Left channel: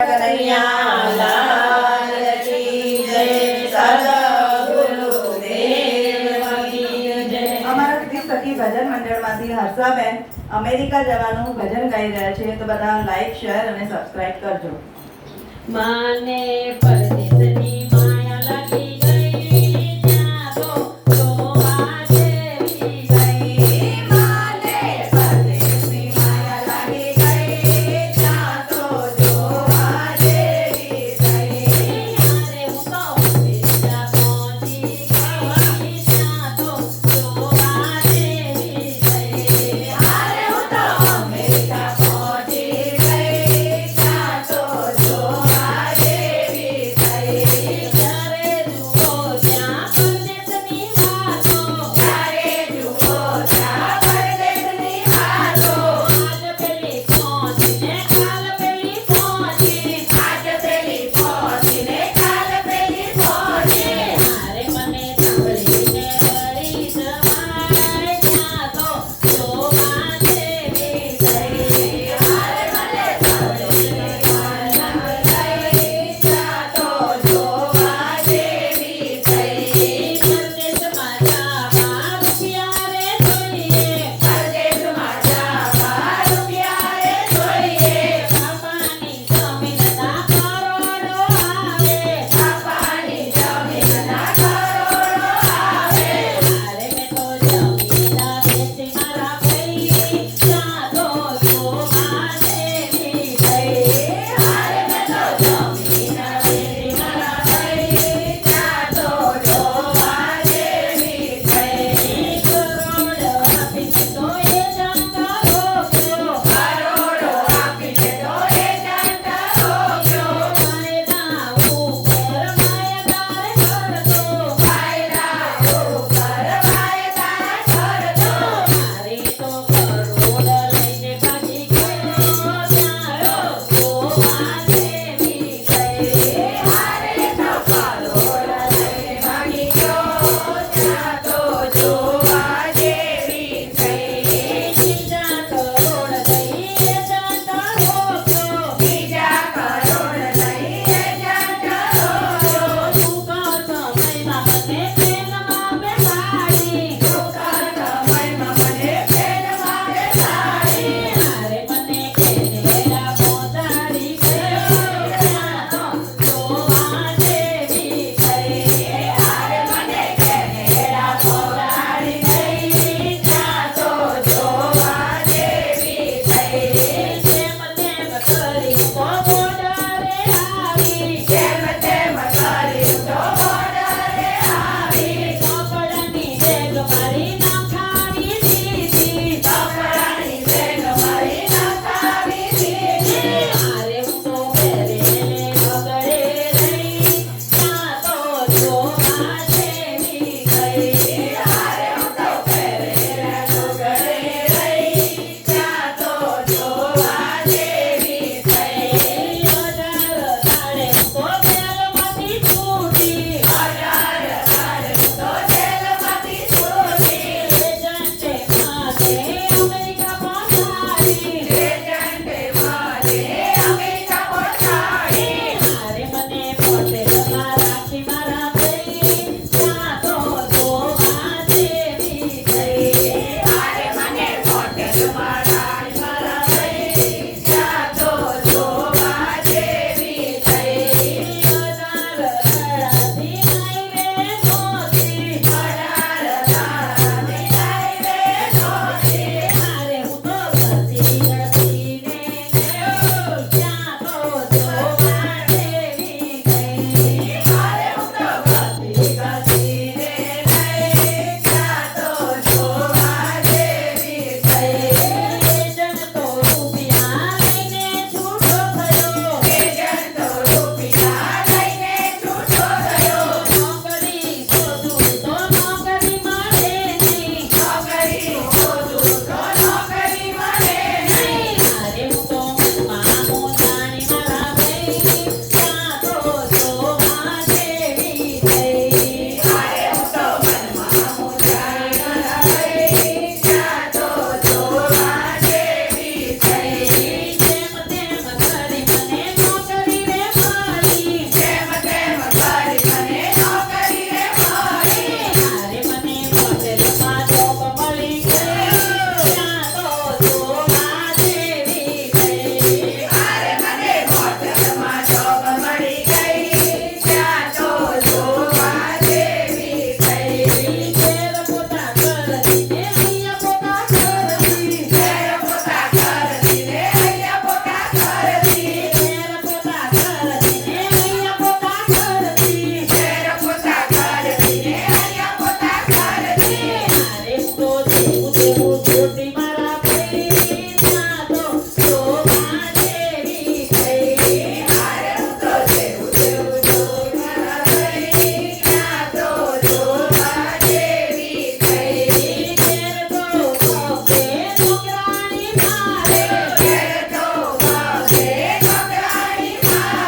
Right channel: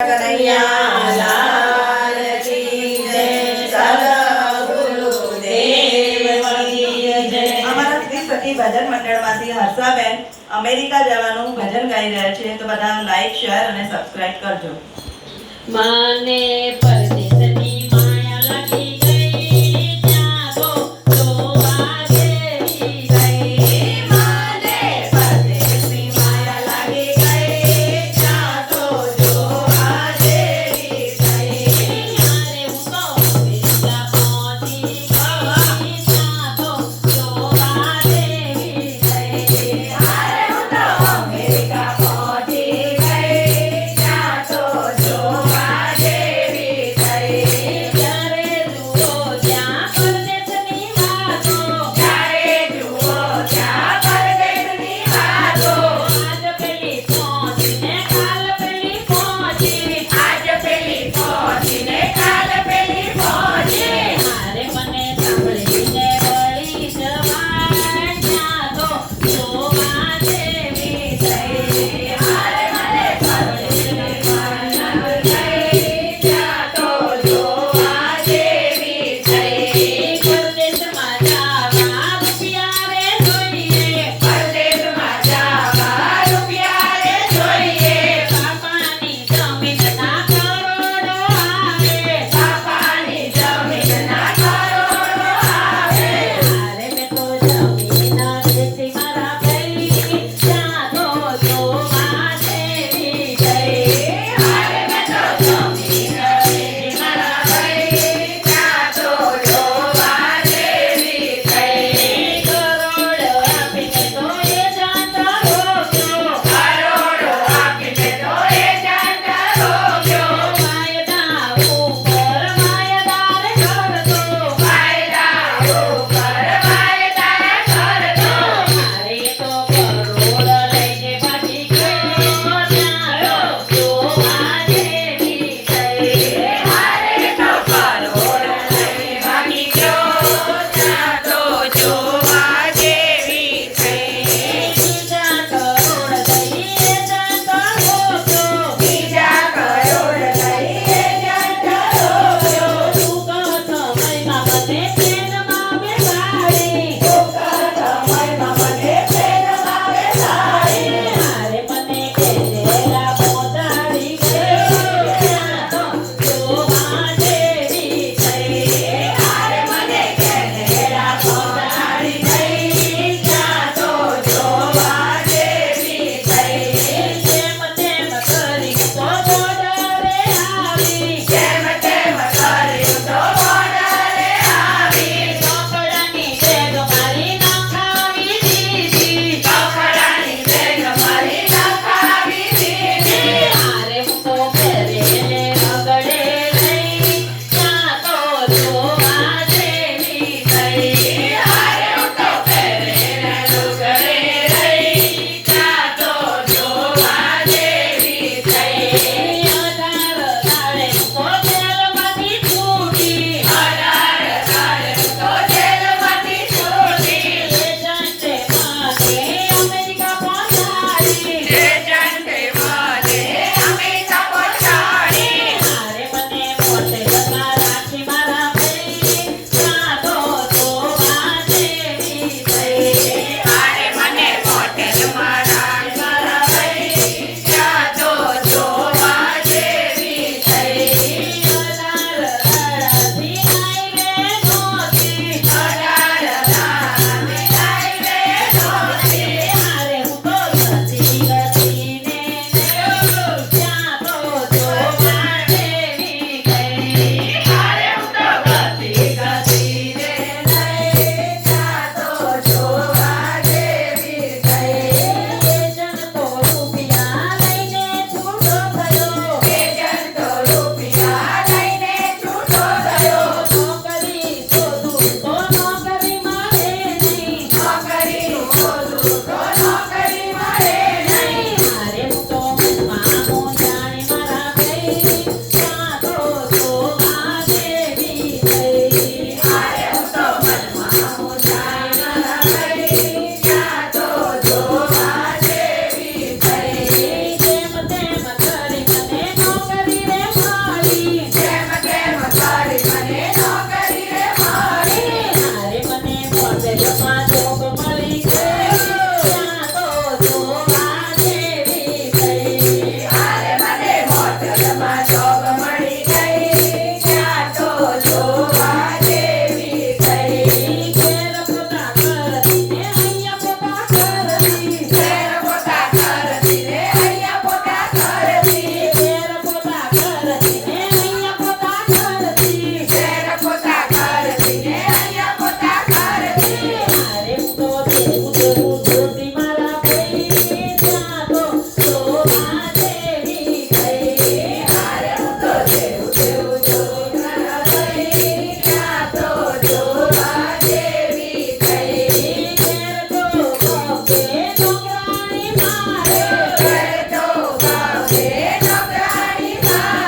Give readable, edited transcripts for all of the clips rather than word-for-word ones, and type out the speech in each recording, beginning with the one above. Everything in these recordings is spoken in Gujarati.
કનૈયા લાલ કી જય, સદગુરુદેવ કી જય। અમારા ત્રિસખી ભજન મંડળમાંથી હર્ષાબેન અમેરિકા જવાનું ભજન ગાઈ રહ્યા છે, તો બધા લાઈક, શેર અને સબસ્ક્રાઇબ કરજો। માને પરદેશની માયા લાગી ગઈ, ત્યાં તો જોવા જેવી ગઈ। માને પરદેશની માયા લાગી ગઈ, ત્યાં તો જોવા જેવી ગઈ। યારે હું તો અમેરિકા પહોંચી ગઈ, ત્યાં તો જોવા જેવી ગઈ। હારે હું તો અમેરિકા પહોંચી ગઈ, ત્યાં તો જોવા જેવી ગઈ।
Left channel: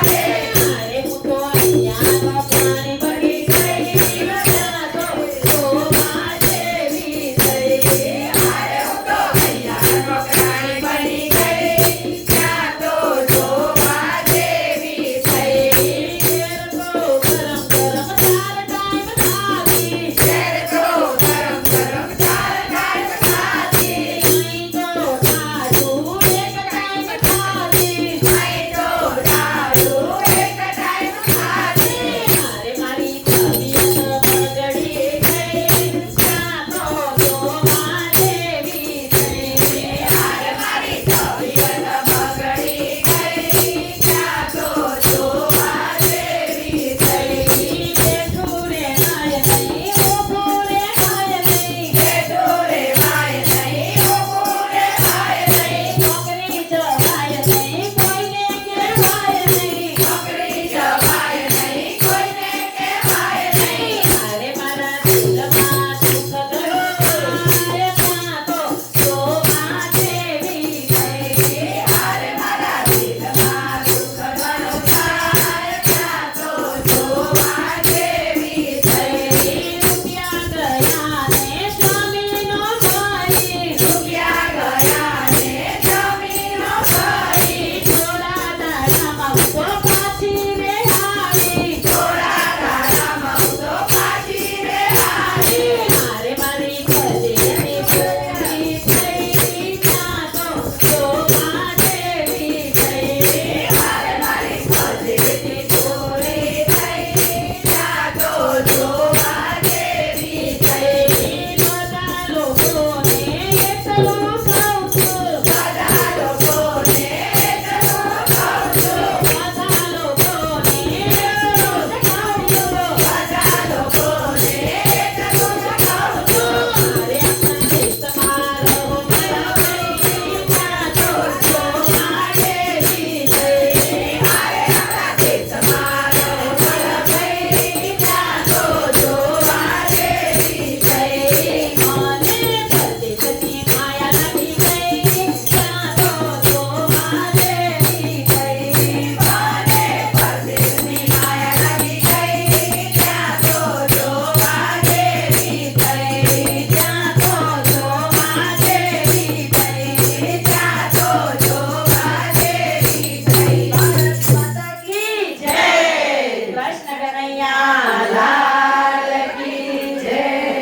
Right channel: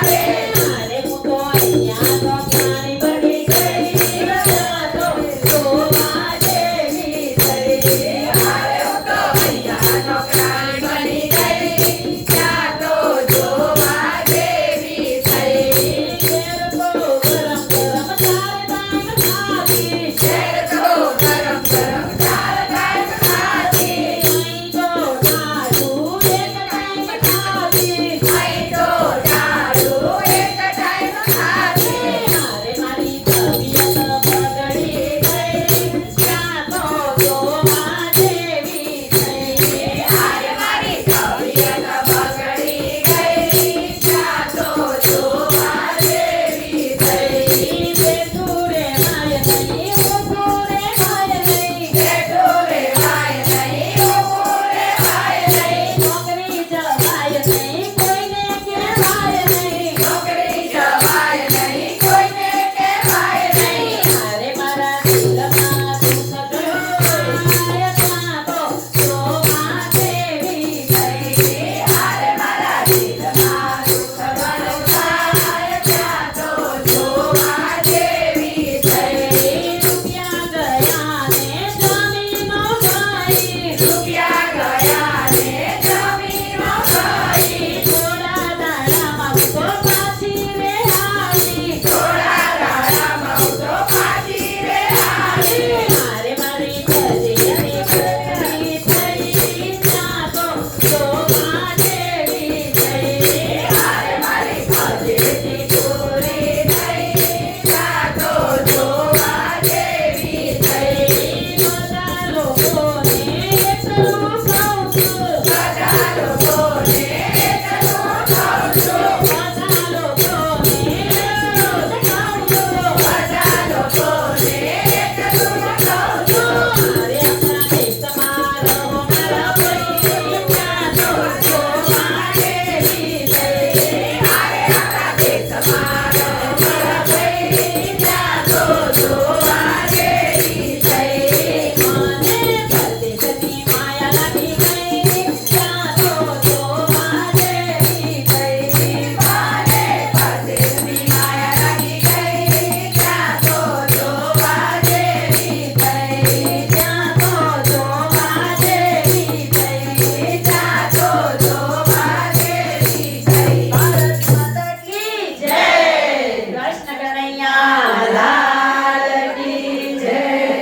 અરે હું તો અહીંયા તો પાણી ભરી ગઈ ત્યાં તો જોવા જેવી થઈ. અરે હું તો અહીંયા તો પ્રાણી બની ગઈ ત્યાં તો જોવા જેવી થઈ. ઘેર તો ગરમ ગરમ ચાર ટાઈમ ખાધી. ઘેર તો ગરમ ગરમ ચાર ટાઈમ ખાધી. અહીં તો દારૂ એક ટાઈમ ખાધી. અહીં તો દારૂ